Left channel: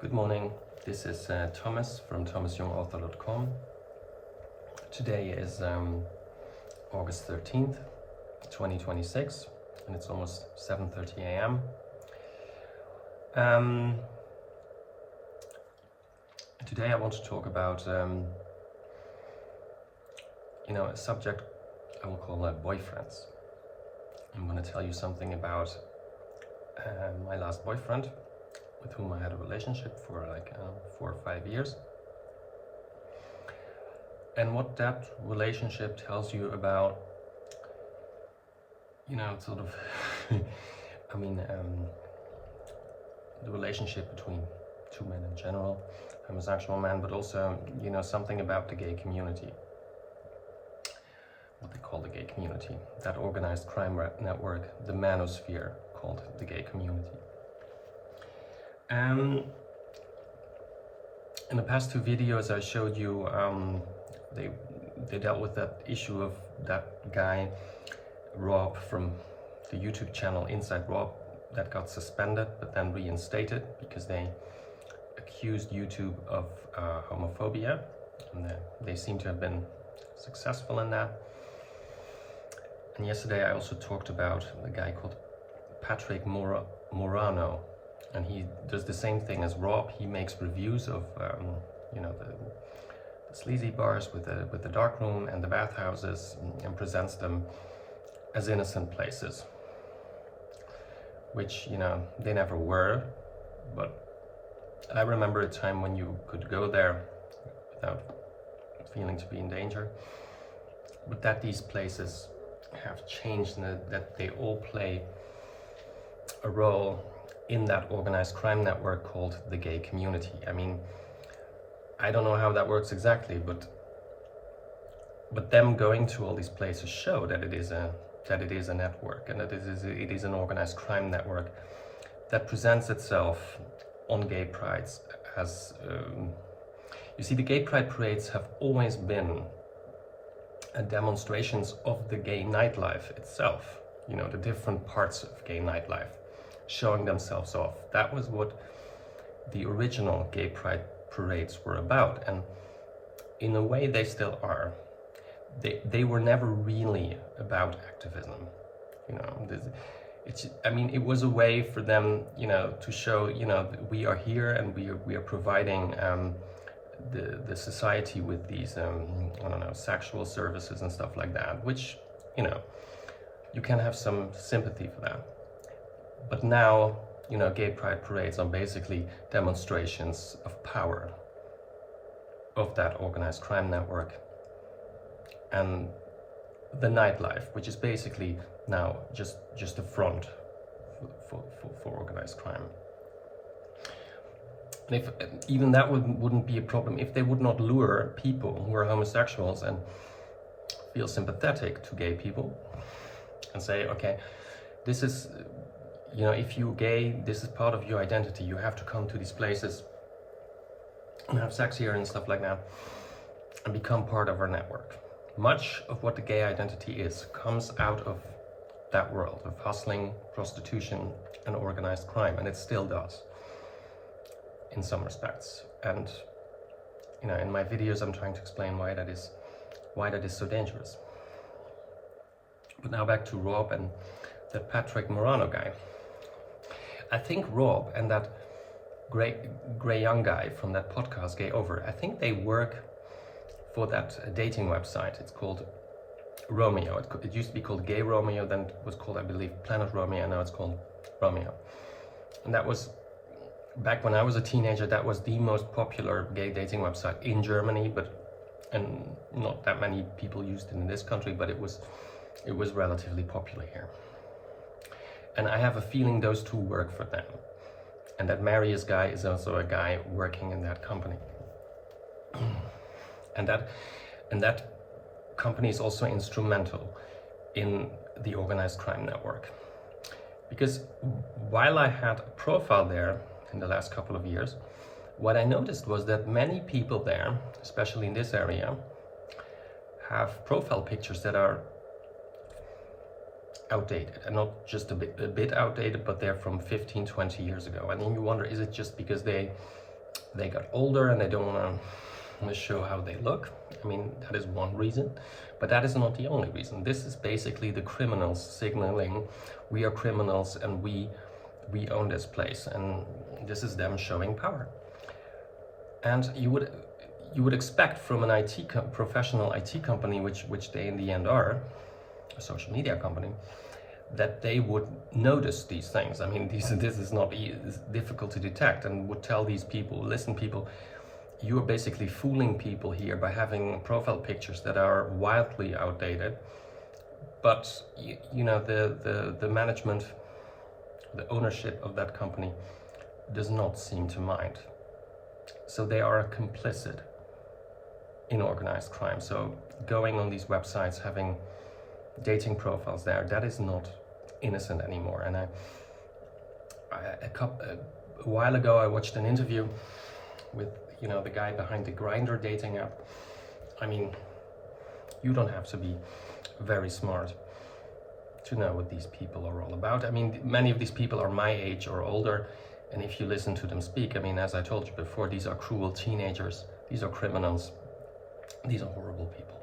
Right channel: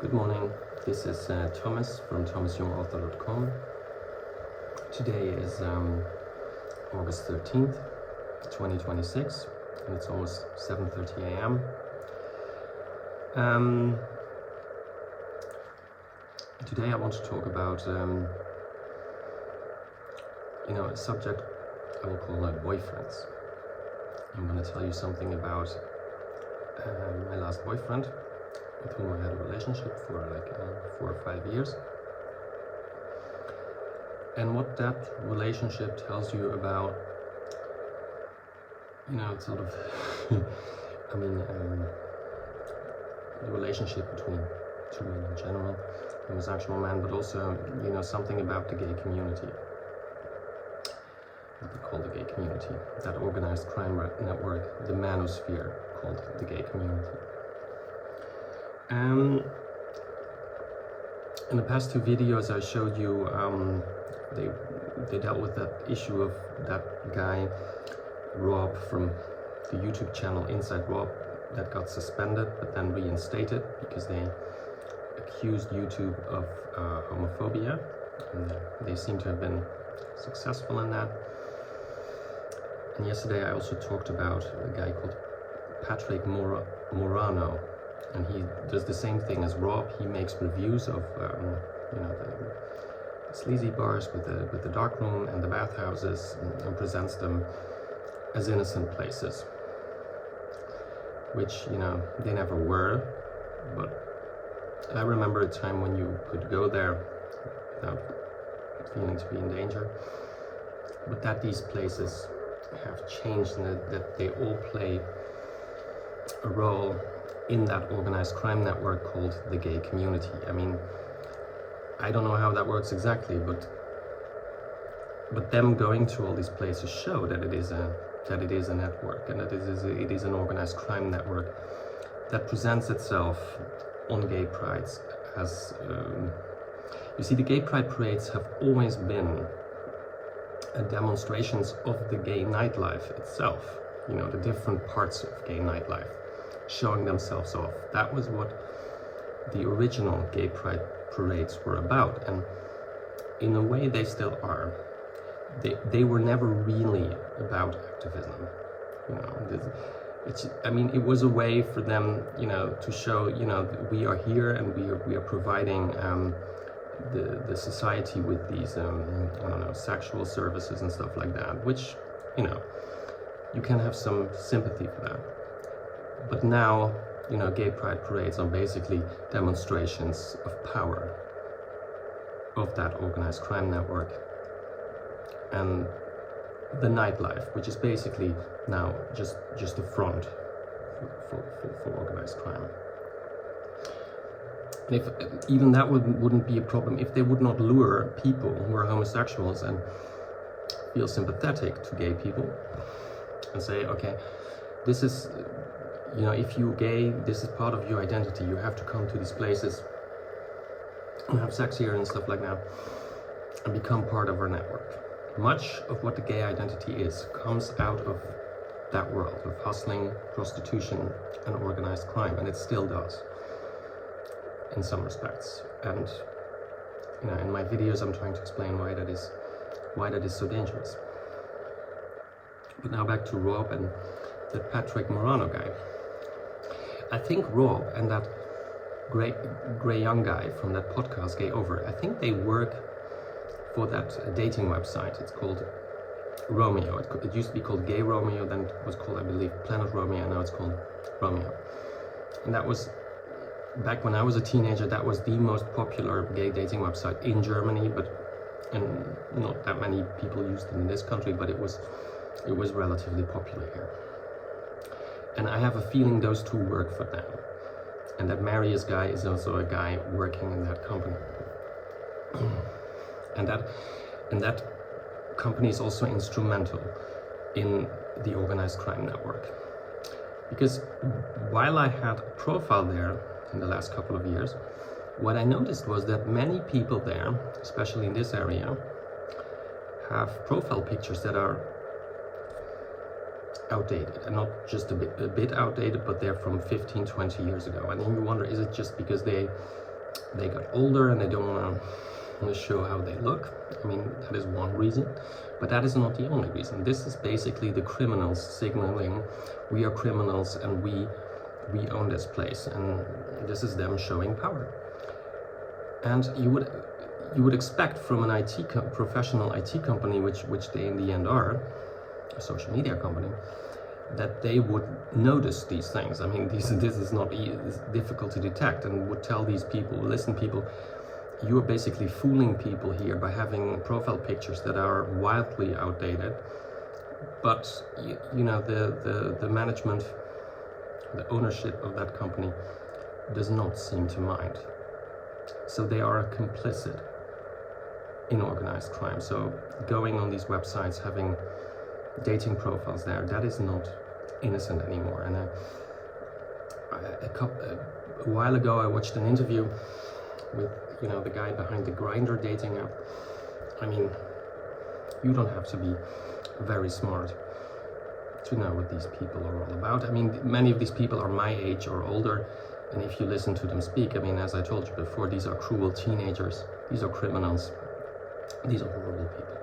Good morning, this is Thomas from thomasyoungauthor.com. Today is August 13th, 2026, and it's almost 7:30 a.m. Today I want to talk about a subject I will call boyfriends. I'm going to tell you something about my last boyfriend, with whom I had a relationship for like 4 or 5 years, and what that relationship tells you about, sort of, the relationship between two men in general, homosexual men, but also, something about the gay community, what they call the gay community, that organized crime network, the manosphere, called the gay community. In the past 2 videos I showed you, they dealt with that issue of that guy Rob from the YouTube channel InsideRob that got suspended but then reinstated because they accused YouTube of homophobia, and they seem to have been successful in that. And yesterday I also talked about a guy called Patrick Morano, and he does the same thing as Rob. He makes reviews of the sleazy bars with the dark room and the bathhouses, and presents them as innocent places, which they never were. But I remember a time when you could go there without feeling to be in danger, but that these places have changed, and that they all play a role in that organized crime network called the gay community. I mean, I don't know how that works exactly, but them going to all these places show that it is a network, and that it is an organized crime network that presents itself on gay prides as you see, the gay pride parades have always been demonstrations of the gay nightlife itself, the different parts of gay nightlife showing themselves off. That was what the original gay pride parades were about, and in a way they still are. They were never really about activism. It was a way for them, to show, we are here and we are providing the society with these sexual services and stuff like that, which you can have some sympathy for that. But now, gay pride parades are basically demonstrations of power of that organized crime network and the nightlife, which is basically now just a front for organized crime. And if even that wouldn't be a problem if they would not lure people who are homosexuals and feel sympathetic to gay people and say, okay, this is, if you're gay, this is part of your identity, you have to come to these places and have sex here and stuff like that and become part of our network. Much of what the gay identity is comes out of that world of hustling, prostitution and organized crime, and it still does in some respects. And in my videos I'm trying to explain why that is so dangerous. But now back to Rob and that Patrick Morano guy. I think Rob and that Grey Young guy from that podcast, Gay Over, I think they work for that dating website. It's called Romeo. It used to be called Gay Romeo, then it was called, I believe, Planet Romeo, and now it's called Romeo. And that was, back when I was a teenager, that was the most popular gay dating website in Germany, and not that many people used it in this country, but it was relatively popular here. And I have a feeling those two work for them, and that Marius guy is also a guy working in that company. and that company is also instrumental in the organized crime network. Because while I had a profile there in the last couple of years, what I noticed was that many people there, especially in this area, have profile pictures that are outdated, and not just a bit outdated, but they're from 15-20 years ago. And then you wonder, is it just because they they got older and they don't want to show how they look. I mean, that is one reason, but that is not the only reason. This is basically the criminals signaling, we are criminals and we own this place, and this is them showing power. And you would expect from an professional IT company, which they in the end are, a social media company, that they would notice these things. I mean, this is not difficult to detect, and would tell these people, listen people, you are basically fooling people here by having profile pictures that are wildly outdated, but you know, the management, the ownership of that company does not seem to mind. So they are complicit in organized crime. So going on these websites, having dating profiles there, that is not innocent anymore. And a while ago I watched an interview with, you know, the guy behind the Grindr dating app. I mean, you don't have to be very smart to know what these people are all about. I mean, many of these people are my age or older, and if you listen to them speak, I mean, as I told you before, these are cruel teenagers, these are criminals, these are horrible people.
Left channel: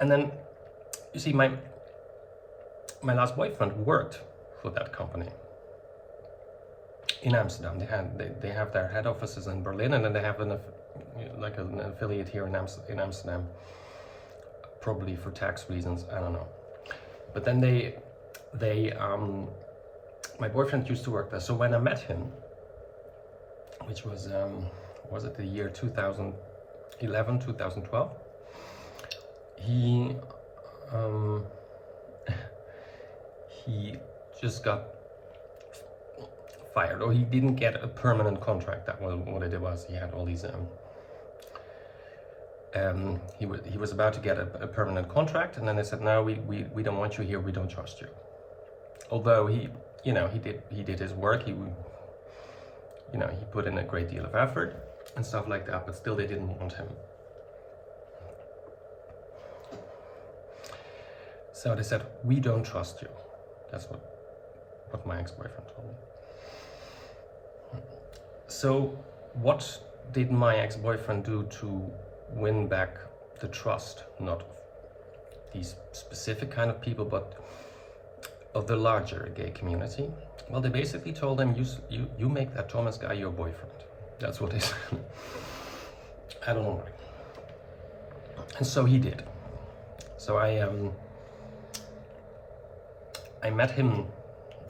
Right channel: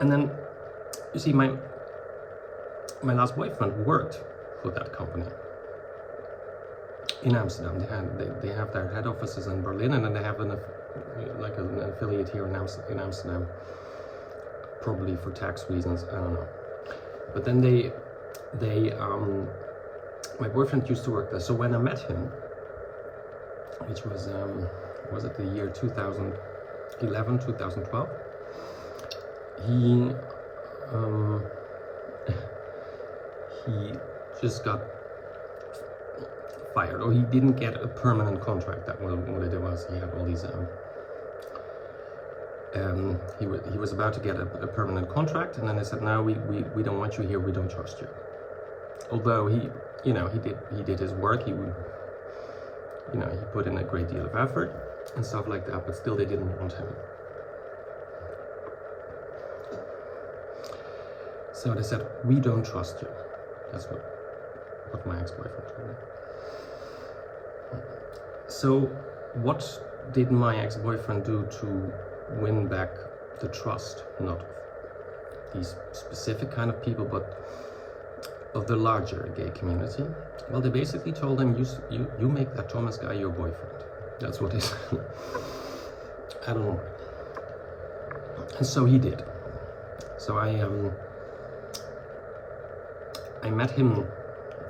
And then, you see, my last boyfriend worked for that company in Amsterdam. They have their head offices in Berlin, and then they have an affiliate here in Amsterdam, probably for tax reasons, I don't know. But then my boyfriend used to work there. So when I met him, which was it the year 2011, 2012, he just got fired, or he didn't get a permanent contract. That was what it was. He had all these he was about to get a permanent contract, and then they said, no, we don't want you here, we don't trust you. Although he did his work, he put in a great deal of effort and stuff like that, but still they didn't want him. So they said, we don't trust you. That's what my ex-boyfriend told me. So what did my ex-boyfriend do to win back the trust, not of these specific kind of people, but of the larger gay community? Well, they basically told him, you make that Thomas guy your boyfriend. That's what they said. I don't know. And so he did. So I met him,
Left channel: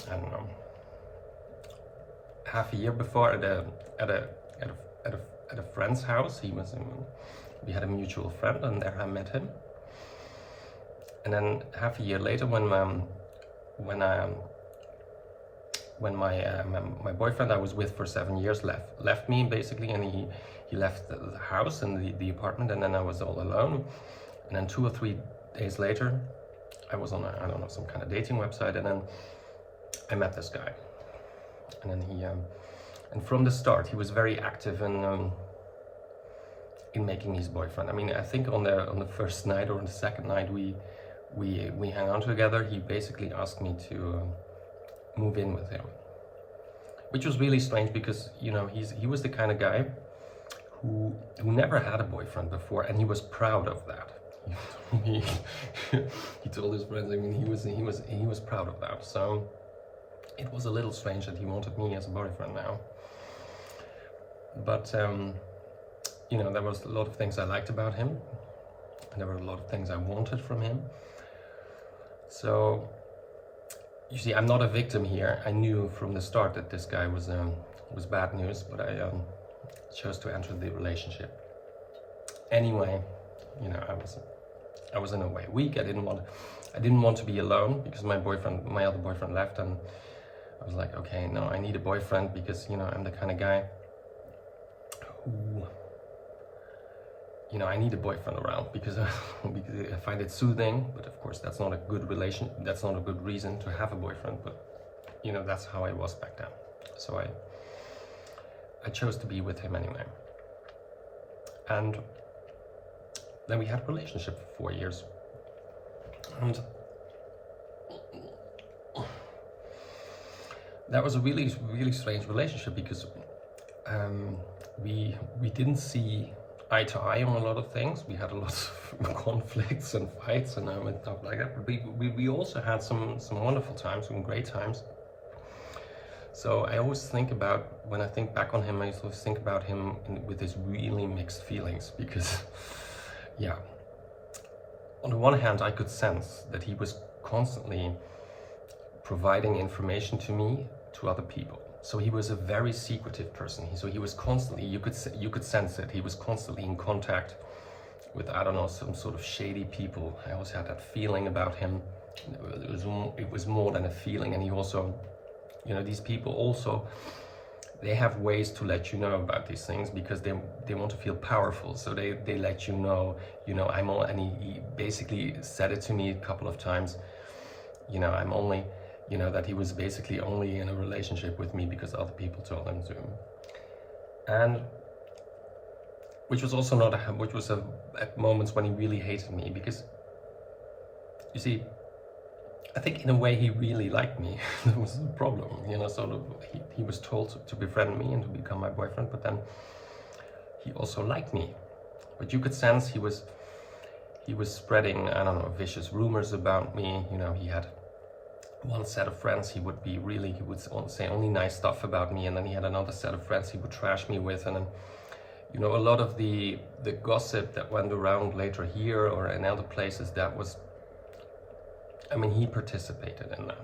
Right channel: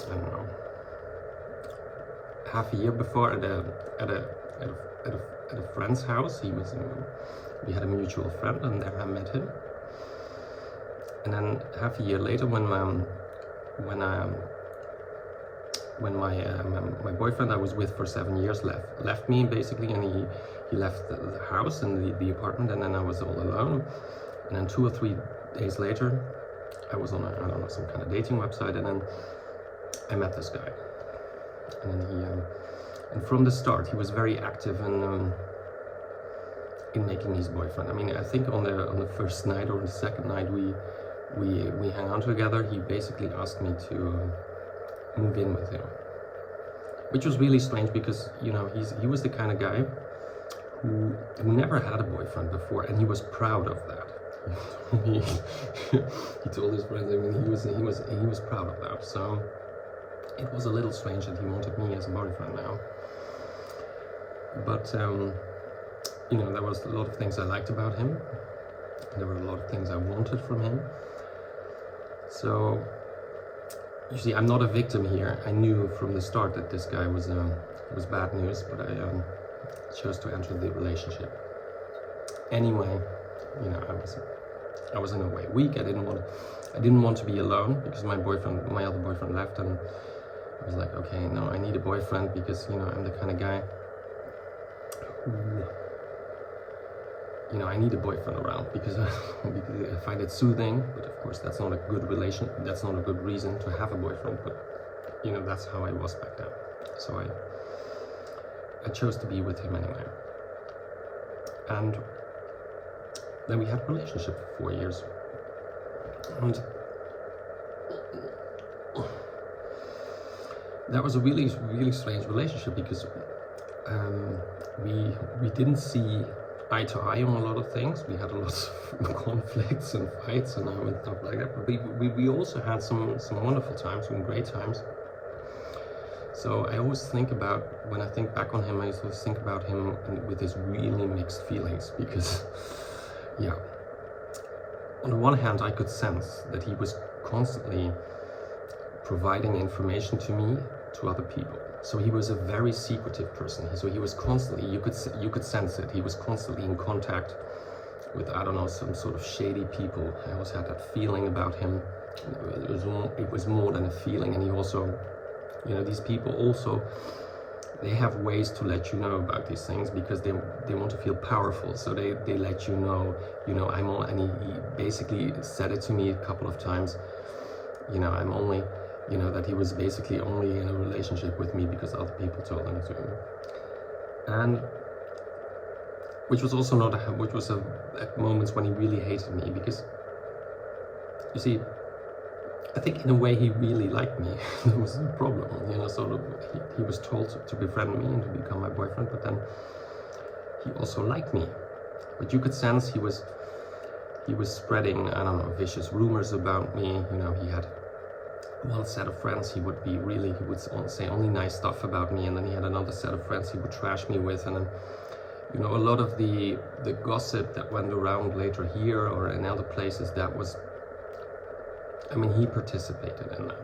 I don't know, half a year before at a friend's house. We had a mutual friend, and there I met him. And then half a year later, when my boyfriend I was with for 7 years left me basically, and he left the house and the apartment, and then I was all alone. And then 2 or 3 days later, I was on some kind of dating website, and then I met this guy. And then and from the start he was very active in making me his boyfriend. I mean, I think on the first night or the second night we hung out together, he basically asked me to move in with him, which was really strange because, you know, he was the kind of guy who never had a boyfriend before, and he was proud of that. he told his friends, I mean, he was proud of that. So it was a little strange that he wanted me as a boyfriend now. But you know, there was a lot of things I liked about him, and there were a lot of things I wanted from him. So you see, I'm not a victim here. I knew from the start that this guy was bad news, but I chose to enter the relationship anyway. You know, I was in a way weak. I didn't want to be alone because my other boyfriend left, and I was like, okay, no, I need a boyfriend because, you know, I'm the kind of guy who, you know, I need a boyfriend around because I find it soothing. But of course, that's not a good reason to have a boyfriend. But, you know, that's how I was back then. So I chose to be with him anyway. And then we had a relationship for 4 years. And that was a really, really strange relationship because we didn't see eye to eye on a lot of things. We had a lot of conflicts and fights and stuff like that. But we also had some wonderful times, some great times. So I always think about, when I think back on him, I always think about him with his really mixed feelings because, yeah, on the one hand, I could sense that he was constantly providing information to me, to other people. So he was a very secretive person. So he was constantly, you could sense it. He was constantly in contact with, I don't know, some sort of shady people. I always had that feeling about him. It was more than a feeling, and he also, you know, these people also, they have ways to let you know about these things because they want to feel powerful. So they let you know, I'm all, and he basically said it to me a couple of times, I'm only, that he was basically only in a relationship with me because other people told him to. And which was also not, which was at moments when he really hated me, because you see, I think in a way he really liked me. There was a problem, so he was told to befriend me and to become my boyfriend, but then he also liked me. But you could sense he was spreading, I don't know, vicious rumors about me. He had one set of friends he would say only nice stuff about me, and then he had another set of friends he would trash me with, and then a lot of the gossip that went around later here or in other places, that was, he participated in that.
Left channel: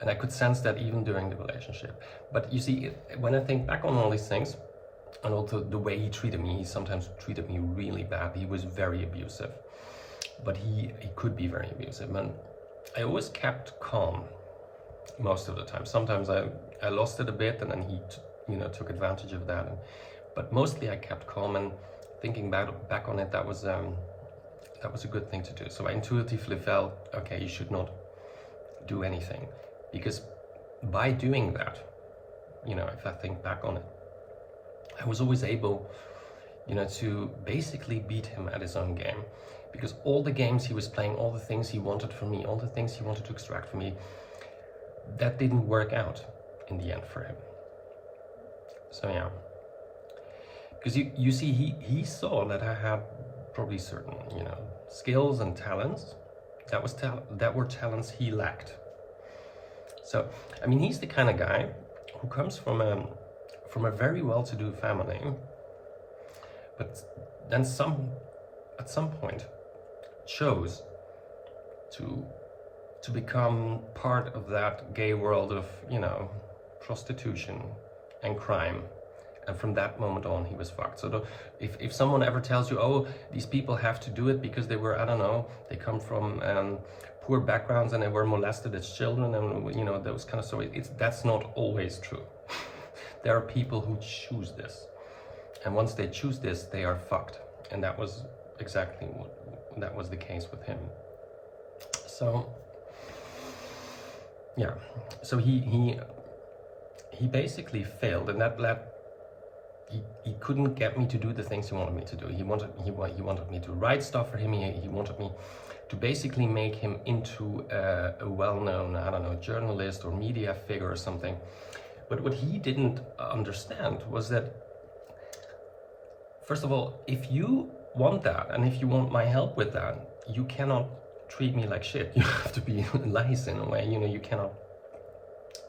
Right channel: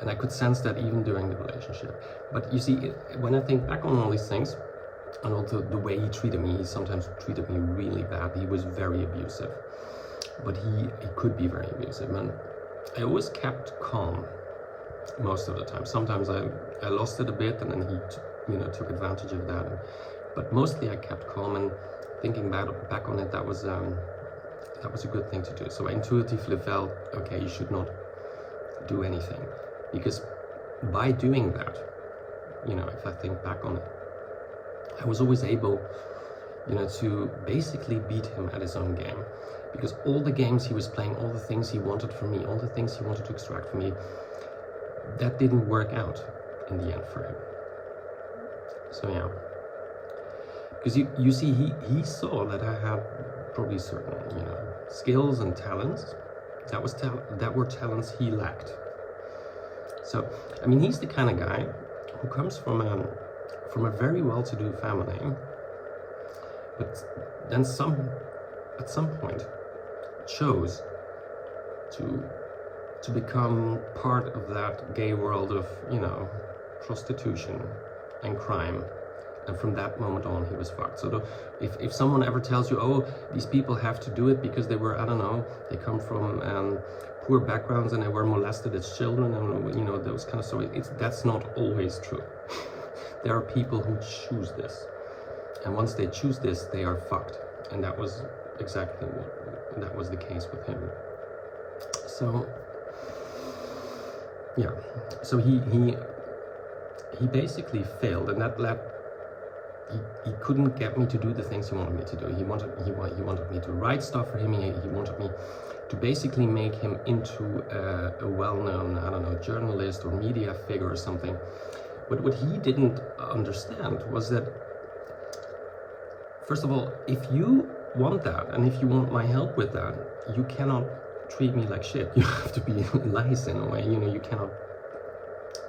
And I could sense that even during the relationship. But you see, when I think back on all these things, and also the way he treated me, he sometimes treated me really bad. He was very abusive, but he could be very abusive. And I always kept calm most of the time. Sometimes I lost it a bit, and then he took advantage of that. But mostly I kept calm, and thinking back on it, that was a good thing to do. So I intuitively felt, okay, you should not do anything, because by doing that, if I think back on it, I was always able, to basically beat him at his own game, because all the games he was playing, all the things he wanted from me, all the things he wanted to extract from me, that didn't work out in the end for him. So yeah, because you see, he saw that I had probably certain, skills and talents that were talents he lacked. So, he's the kind of guy who comes from a very well-to-do family, but then at some point chose to become part of that gay world of, prostitution and crime. And from that moment on, he was fucked. So if someone ever tells you, oh, these people have to do it because they were, I don't know, they come from poor backgrounds and they were molested as children, and those kind of, so that's not always true. There are people who choose this, and once they choose this, they are fucked. And that was exactly that was the case with him. So yeah, so he basically failed, and that led. He couldn't get me to do the things he wanted me to do. He wanted me to write stuff for him. He wanted me to basically make him into a well-known, I don't know, journalist or media figure or something. But what he didn't understand was that, first of all, if you want that, and if you want my help with that, you cannot treat me like shit. You have to be nice in a way. You cannot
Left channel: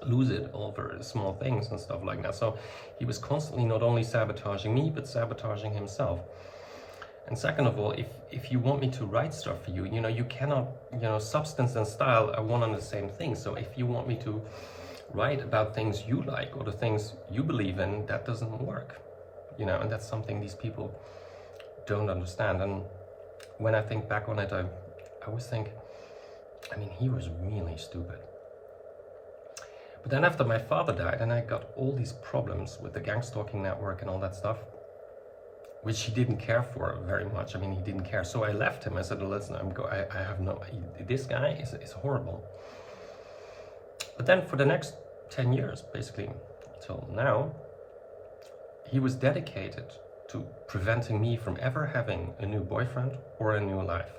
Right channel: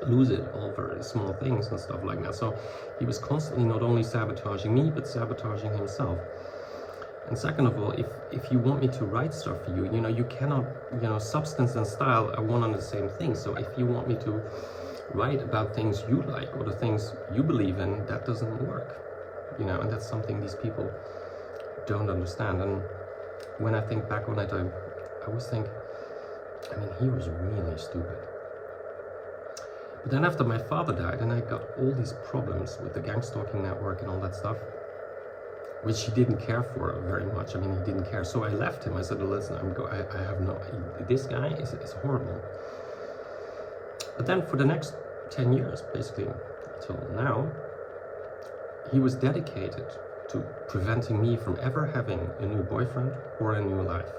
lose it over small things and stuff like that. So he was constantly not only sabotaging me, but sabotaging himself. And second of all, if you want me to write stuff for you, you cannot, substance and style are one and the same thing. So if you want me to write about things you like or the things you believe in, that doesn't work, and that's something these people don't understand. And when I think back on it, I always think, he was really stupid. But then after my father died, and I got all these problems with the gang stalking network and all that stuff, which he didn't care for very much. He didn't care. So I left him. I said, listen, I have no, this guy is horrible. But then for the next 10 years, basically, till now, he was dedicated to preventing me from ever having a new boyfriend or a new life.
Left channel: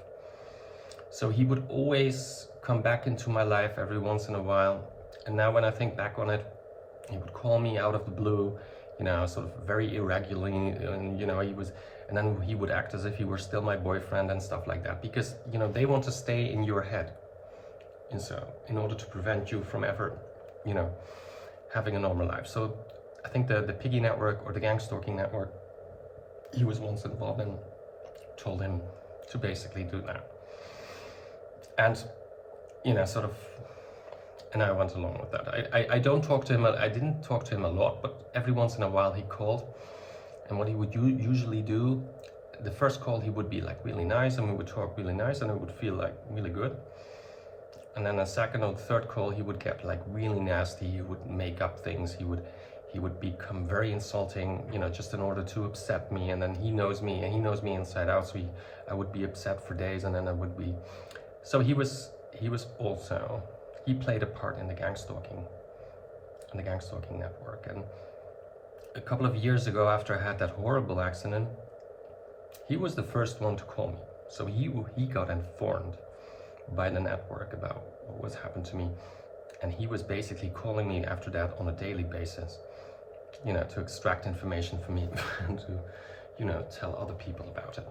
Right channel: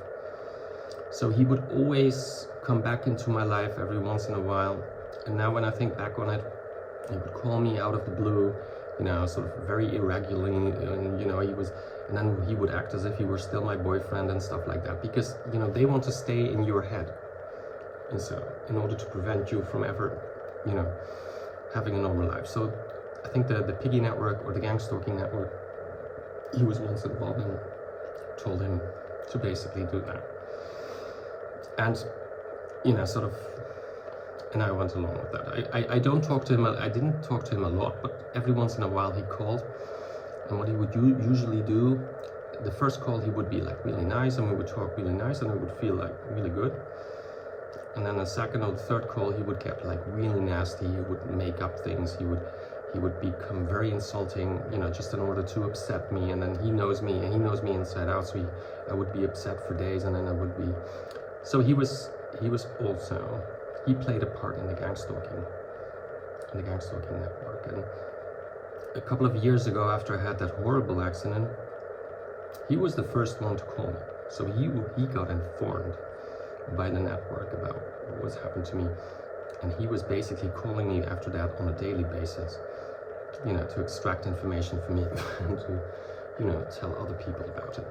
So he would always come back into my life every once in a while, And now when I think back on it, he would call me out of the blue, you know, sort of very irregularly, and you know, and then he would act as if he were still my boyfriend and stuff like that, because, you know, they want to stay in your head, and so in order to prevent you from ever, you know, having a normal life. So I think the piggy network, or the gang stalking network, he was once involved, and told him to basically do that. And, you know, sort of, and I went along with that. I don't talk to him, I didn't talk to him a lot, but every once in a while he called. And what he would usually do, the first call he would be like really nice, and we would talk really nice, and it would feel like really good. And then the second or the third call he would get like really nasty. He would make up things. He would become very insulting, you know, just in order to upset me. And then he knows me, and he knows me inside out, so I would be upset for days, and then I would be. So he was also, he played a part in the gang stalking network. And a couple of years ago, after I had that horrible accident, he was the first one to call me. So he got informed by the network about what was happened to me, and he was basically calling me after that on a daily basis, you know, to extract information from me and to, you know, tell other people about it.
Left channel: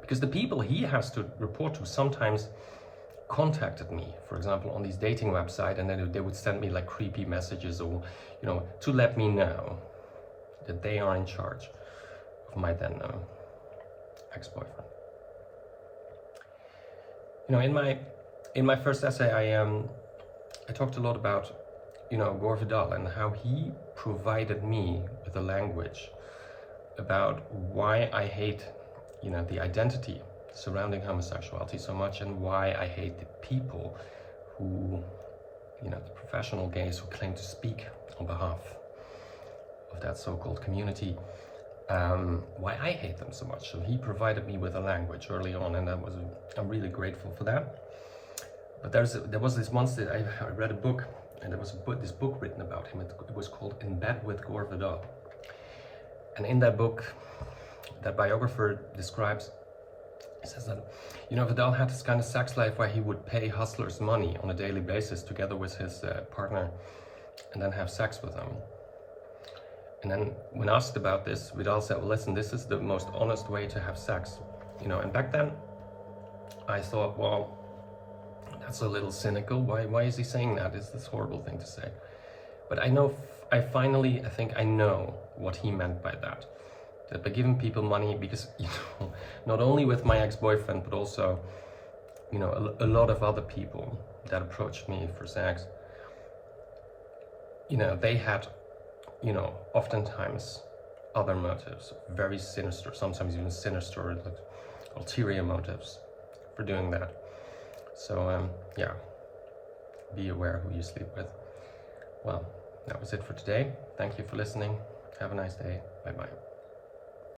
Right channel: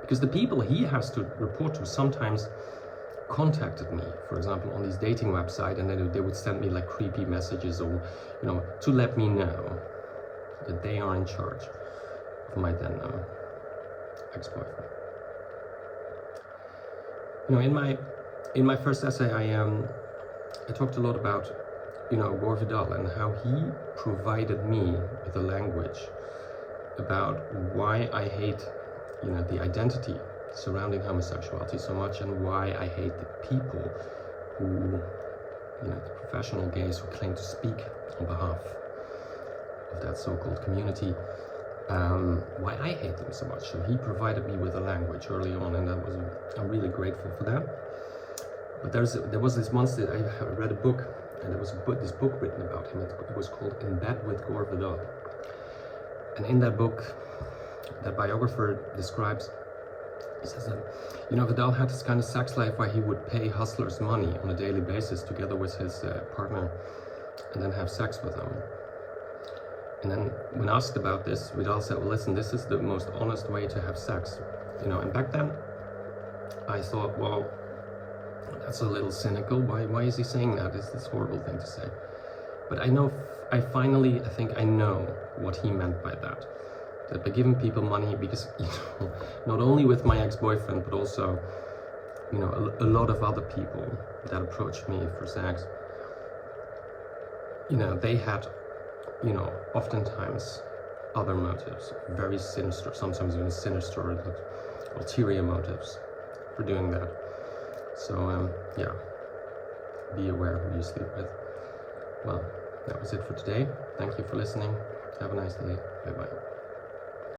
Because the people he has to report to sometimes contacted me, for example, on these dating websites, and then they would send me like creepy messages, or, you know, to let me know that they are in charge of my then ex-boyfriend. You know, in my first essay, I talked a lot about, you know, Gore Vidal, and how he provided me with a language about why I hate, you know, the identity surrounding homosexuality so much, and why I hate the people who, you know, the professional gays who claim to speak on behalf of that so-called community, why I hate them so much. So he provided me with a language early on, and I'm really grateful for that. But there was this once that I read a book, and there was this book written about him. It was called In Bed with Gore Vidal. And in that book, that biographer describes, he says that, you know, Vidal had this kind of sex life where he would pay hustlers money on a daily basis together with his partner, and then have sex with them. And then when asked about this, Vidal said, well, listen, this is the most honest way to have sex. You know, and back then I thought, well, that's a little cynical. Why is he saying that? It's this horrible thing to say. But I think I know what he meant by that. That by giving people money, because, you know, not only with my ex-boyfriend, but also, you know, a lot of other people that approached me for sex, you know, they had, you know, oftentimes other motives, very sinister, sometimes even sinister, ulterior motives for doing that. So, yeah, be aware who you sleep with. Well, that was it for today. Thank you for listening. Have a nice day. Bye-bye.